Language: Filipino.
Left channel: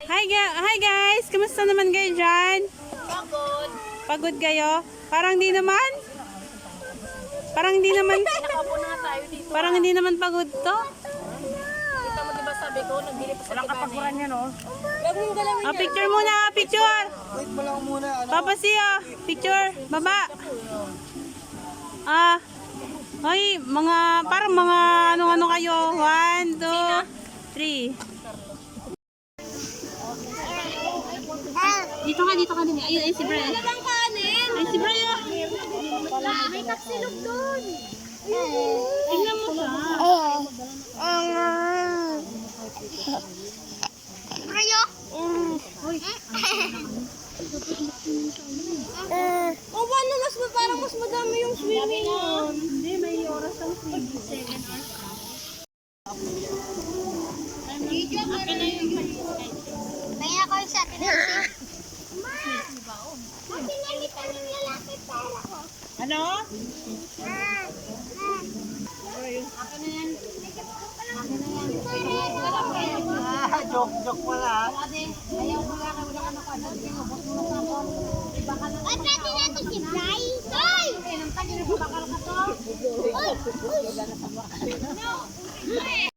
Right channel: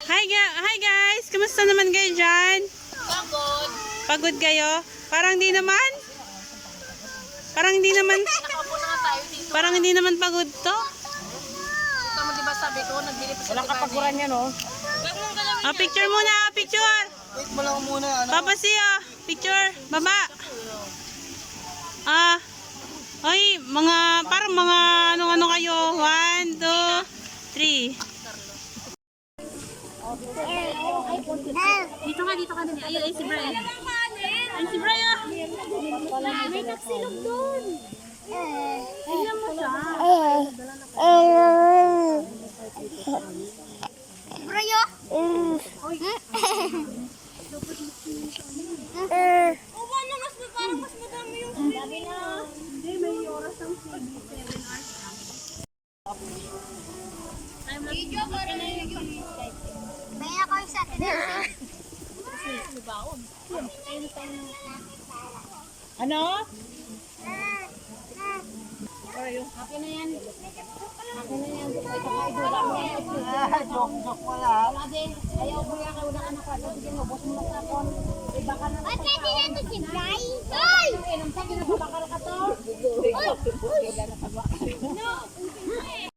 Hi guys! Kamusta naman kayo dyan? Pagod. Pagod kayo? Parang di naman? Parang hindi naman? Nakaupo na nga tayo dito. Parang hindi naman pagod to? Kita mo diba sabi ko, nagbili pa sa Walang kapaguran yan, oh. Huwag mong galawin Oh, picture muna! Picture! Wait mo lang muna, ano? Papa siya! Picture! Baba! Ah! Ay, parang mga ano-ano kayo. 1, 2, 3. Dito ka din. Ayun, ay si Brian. Ay si Brian. May taksilog doon. Tingnan mo siya. Rayo? O paano parang mas madami yung swimming? Hindi, may oras ang 7 hours lang. Video ka na yung kaya ko sa atin. Ano? Joke pala. Ay, pwede na ito si Bry. Ay! Ay!